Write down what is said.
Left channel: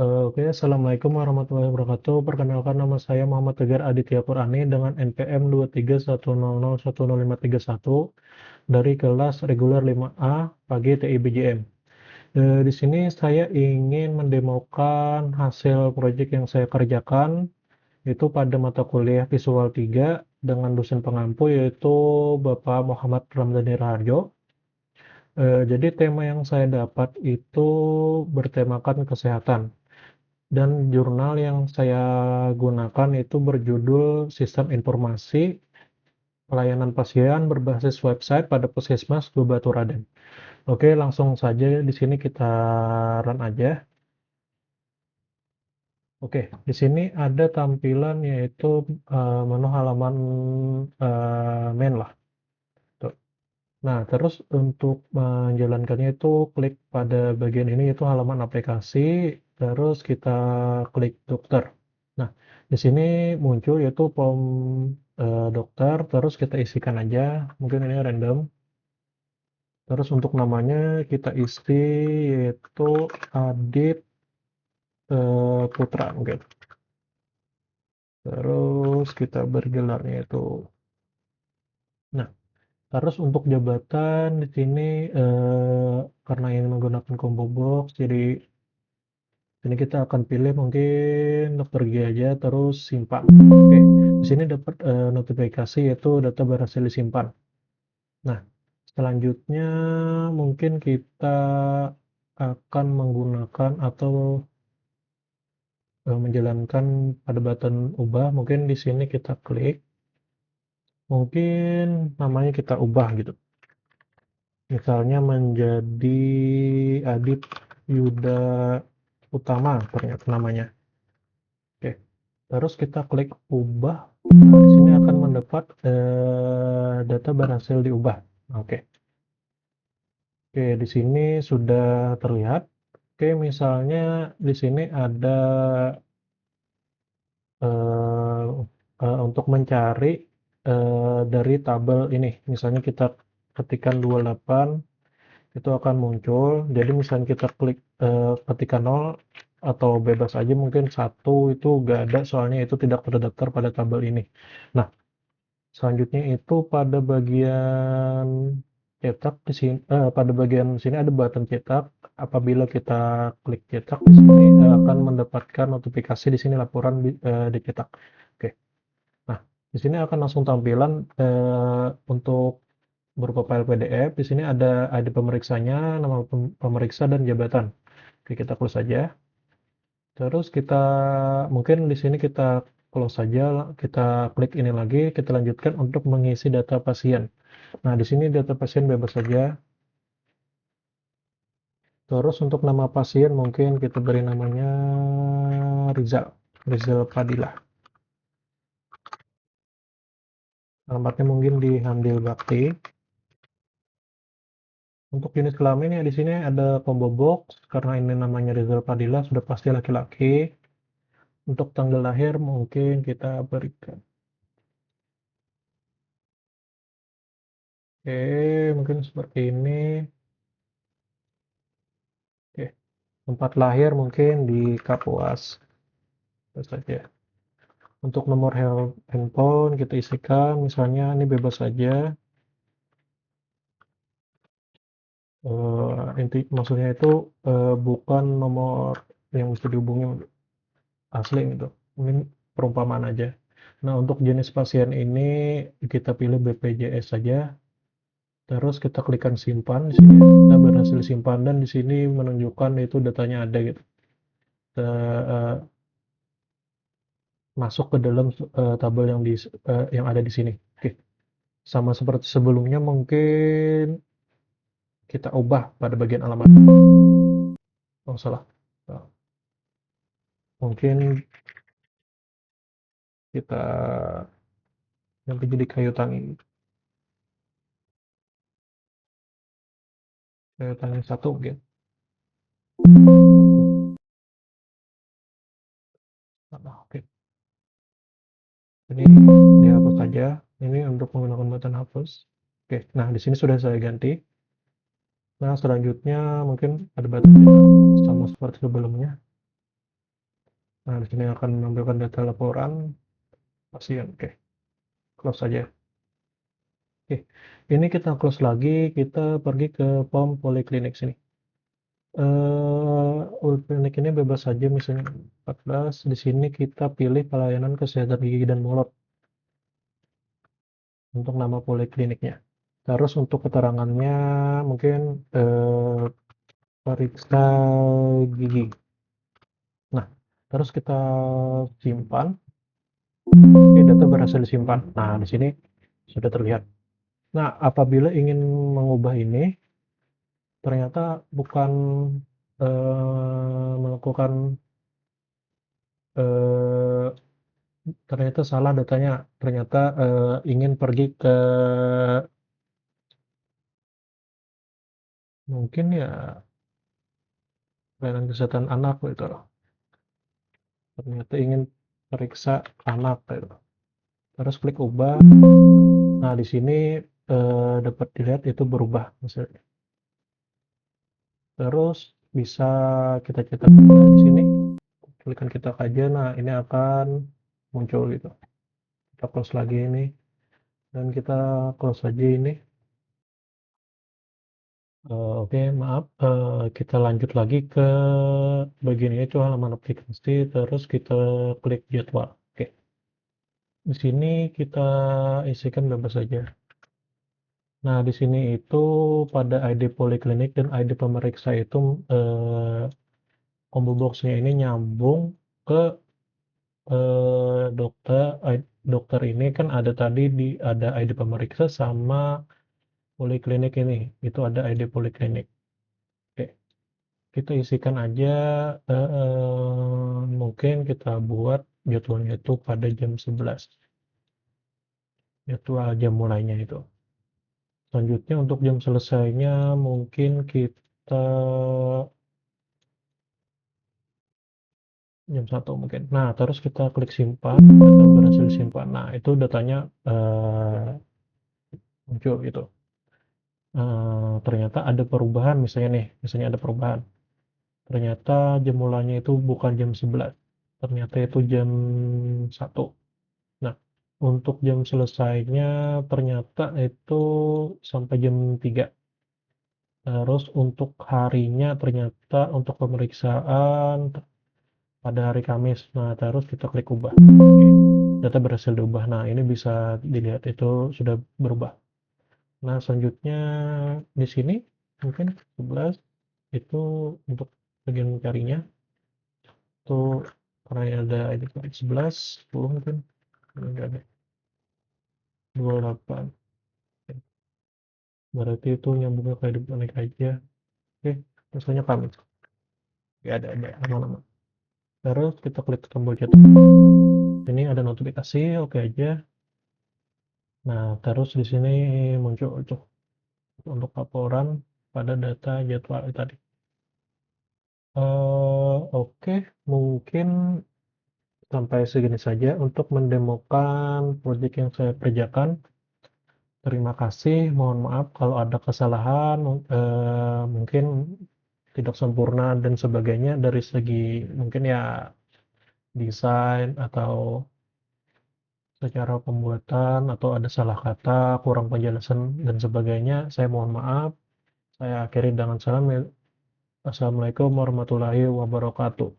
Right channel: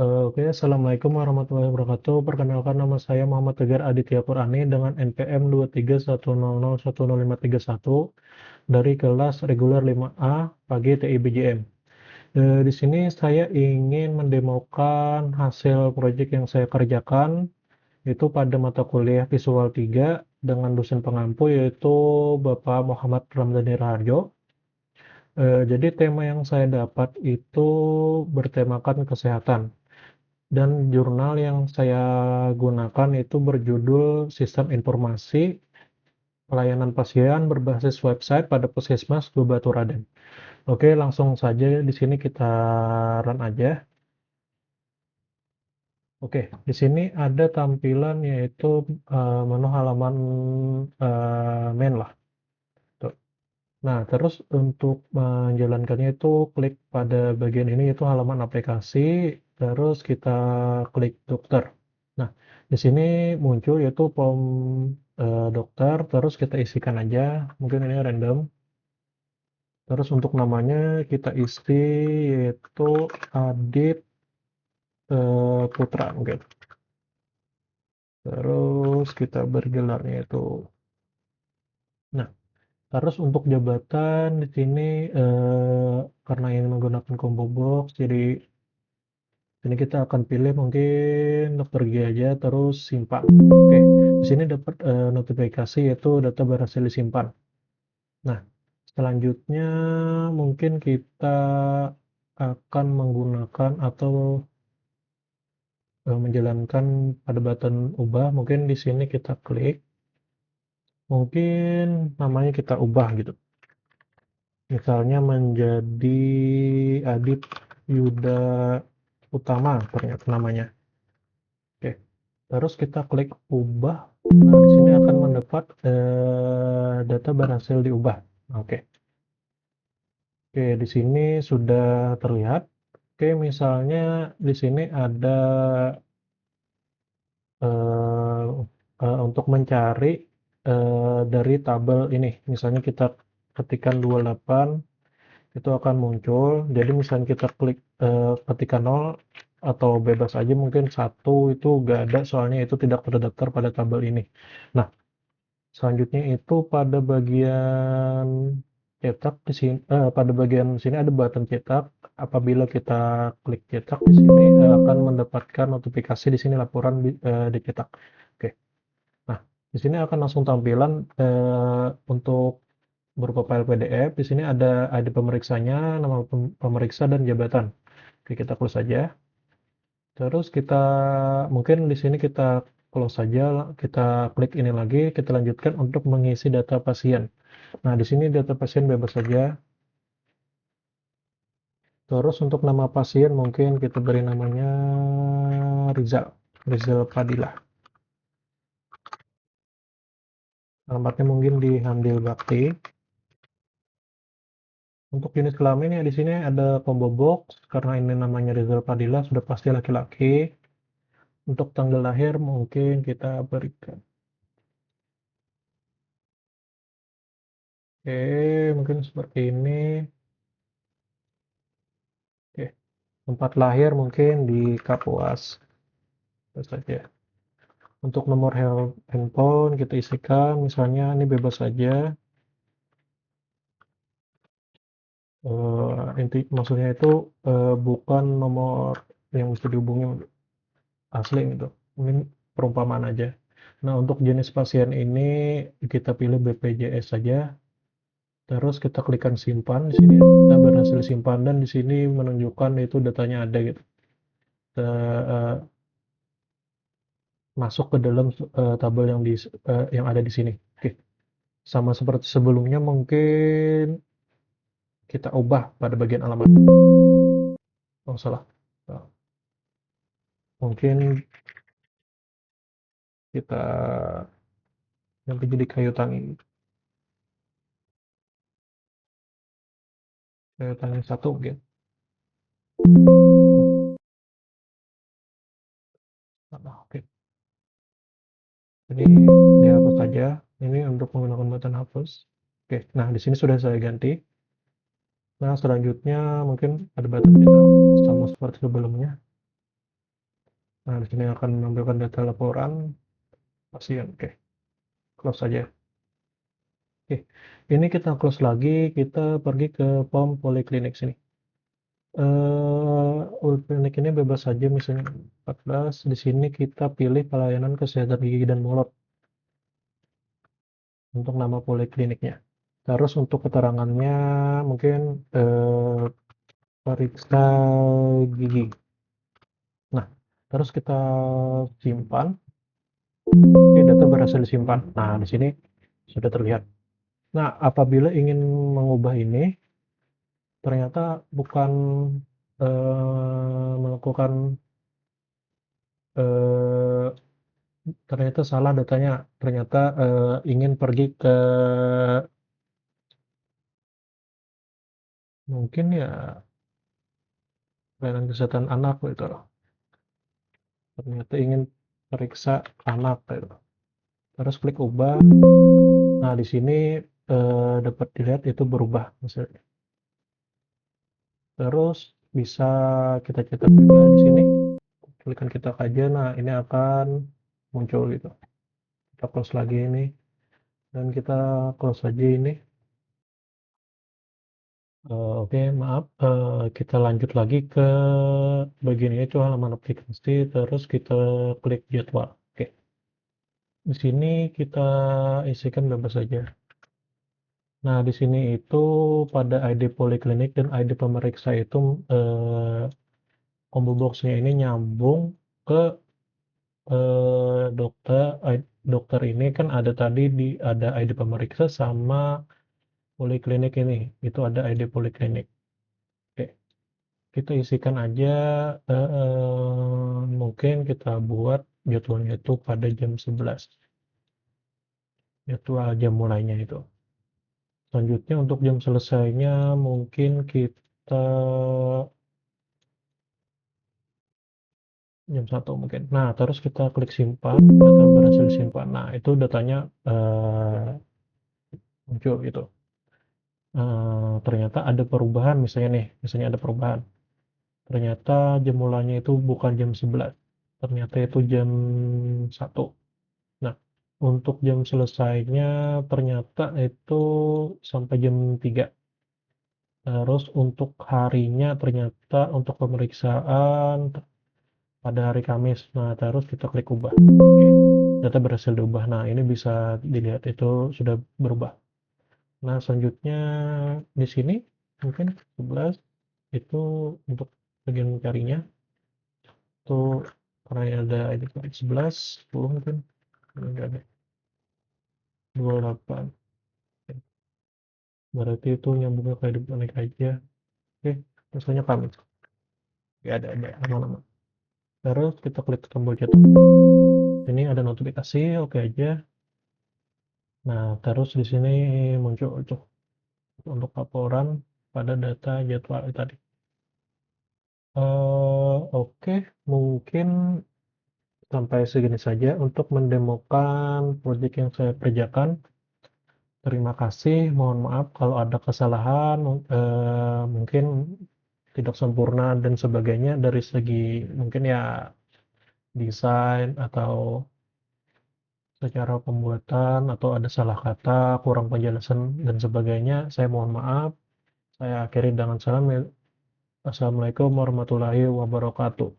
Oke, Assalamualaikum warahmatullahi wabarakatuh. Perkenalkan nama saya Muhammad Tegar Aditya Purani dengan NPM 23100100531 dari kelas reguler 5A pagi TIBJM. Di sini saya ingin mendemokan hasil proyek yang saya kerjakan itu pada mata kuliah Visual 3 dengan dosen pengampu yaitu Bapak Muhammad Ramdhani Raharjo. Jadi tema yang saya dapat itu bertemakan kesehatan. Dan jurnal yang saya gunakan itu berjudul Sistem Informasi Pelayanan Pasien berbasis website pada Puskesmas Babaturaden. Oke, langsung saja di sini kita run aja. Oke, di sini ada tampilan yaitu menu halaman main lah. Tuh. Nah, terus untuk menjalankannya itu klik pada bagian ini yaitu halaman aplikasi, terus kita klik dokter. Nah, di sini muncul yaitu form dokter, terus kita isikan aja, mungkin ini random. Terus untuk namanya kita isi yaitu Adit Putra mungkin. Terus kita beri gelarnya itu. Nah, terus untuk jabatan di sini karena ini menggunakan combo box, jadi ini kita akan pilih mungkin dokter gigi aja, terus simpan. Oke, di sini dapat notifikasi yaitu data berhasil disimpan. Nah, selanjutnya mungkin kita akan menggunakan atau menjalankan pada button ubah. Mungkin di sini kita klik, mungkin namanya kita ubah gitu. Misalnya menjadi Adit Yuda Utama ternyata namanya. Oke, terus kita klik ubah. Nah, di sini akan mendapat data berhasil diubah. Oke, oke di sini sudah terlihat. Oke, misalnya di sini ada eh, untuk mencari dari tabel ini. Misalnya kita ketikkan 28 itu akan muncul. Jadi misalnya kita klik ketikkan 0 atau bebas aja mungkin satu itu nggak ada soalnya itu tidak terdaftar pada tabel ini. Nah, selanjutnya itu pada bagian cetak di sini pada bagian sini ada button cetak. Apabila kita klik cetak di sini akan mendapatkan notifikasi di sini laporan dicetak. Oke. Nah, di sini akan langsung tampilan untuk berupa file PDF. Di sini ada ID pemeriksanya, nama pemeriksa dan jabatan. Oke, kita close saja. Terus kita mungkin di sini kita close saja, kita klik ini lagi, kita lanjutkan untuk mengisi data pasien. Nah, di sini data pasien bebas saja. Terus untuk nama pasien mungkin kita beri namanya Rizal, Rizal Padilla. Alamatnya mungkin di Handil Bakti. Untuk jenis kelamin ya di sini ada combo box karena ini namanya Rizal Padilla sudah pasti laki-laki. Untuk tanggal lahir mungkin kita berikan. Oke, mungkin seperti ini. Oke, tempat lahir mungkin di Kapuas. Itu saja. Untuk nomor handphone kita isikan, misalnya ini bebas saja. Inti maksudnya itu bukan nomor yang mesti dihubungi asli gitu. Mungkin perumpamaan aja. Nah, untuk jenis pasien ini kita pilih BPJS saja. Terus kita klikkan simpan di sini. Kita berhasil simpan dan di sini menunjukkan itu datanya ada gitu. Kita masuk ke dalam tabel yang ada di sini. Oke. Sama seperti sebelumnya mungkin kita ubah pada bagian alamat. Oh, salah. Nah, mungkin kita ganti jadi kayu tangi. Kayu tangi satu mungkin. Nah, oke. Ini dihapus saja. Ini untuk menggunakan button hapus. Oke. Nah, di sini sudah saya ganti. Nah, selanjutnya mungkin ada button kita sama seperti sebelumnya. Nah, di sini akan menampilkan data laporan pasien. Oke, close saja. Oke, ini kita close lagi, kita pergi ke form poliklinik sini. Poliklinik ini bebas saja, misalnya 14. Di sini kita pilih pelayanan kesehatan gigi dan mulut untuk nama polikliniknya. Terus untuk keterangannya mungkin periksa gigi. Nah, terus kita simpan. Oke, data berhasil disimpan. Nah, di sini sudah terlihat. Nah, apabila ingin mengubah ini, ternyata bukan melakukan eh, ternyata salah datanya. Ternyata ingin pergi ke mungkin ya pelayanan kesehatan anak gitu loh. Ternyata ingin periksa anak gitu. Terus klik ubah. Nah, di sini dapat dilihat itu berubah misalnya. Terus bisa kita cetak juga di sini. Klikkan kita aja. Nah, ini akan muncul gitu. Kita close lagi ini dan kita close aja ini. Oke, maaf. Kita lanjut lagi ke bagian ini, itu halaman aplikasi. Terus kita klik jadwal. Oke, di sini kita isikan bebas saja. Nah, di sini itu pada ID poliklinik dan ID pemeriksa itu combo box-nya ini nyambung ke dokter ini kan ada tadi ada ID pemeriksa sama poliklinik ini. Itu ada ID poliklinik. Oke, kita isikan aja mungkin kita buat jadwalnya itu pada jam 11. Jadwal jam mulainya itu. Selanjutnya untuk jam selesainya mungkin kita jam 1 mungkin. Nah, terus kita klik simpan, data berhasil disimpan. Nah, itu datanya muncul gitu. Ternyata ada perubahan misalnya ada perubahan. Ternyata jam mulainya itu bukan jam 11. Ternyata itu jam 1. Nah, untuk jam selesainya ternyata itu sampai jam 3. Terus untuk harinya ternyata untuk pemeriksaan pada hari Kamis. Nah, terus kita klik ubah. Oke, data berhasil diubah. Nah, ini bisa dilihat itu sudah berubah. Nah, selanjutnya di sini mungkin 11 itu untuk bagian mencarinya. Itu karena ada ini 11, 10 mungkin. Enggak ada. 28. Berarti itu nyambungnya ke hidup naik aja. Oke, misalnya Kamis. Oke, ada nama-nama. Terus kita klik tombol cetak. Ini ada notifikasi, oke aja. Nah, terus di sini muncul untuk laporan pada data jadwal tadi. Oke, mungkin sampai segini saja untuk mendemokan proyek yang saya kerjakan. Terima kasih, mohon maaf kalau ada kesalahan, mungkin tidak sempurna dan sebagainya dari segi mungkin ya desain atau secara pembuatan atau ada salah kata, kurang penjelasan dan sebagainya. Saya mohon maaf. Saya akhiri dengan salam. Assalamualaikum warahmatullahi wabarakatuh.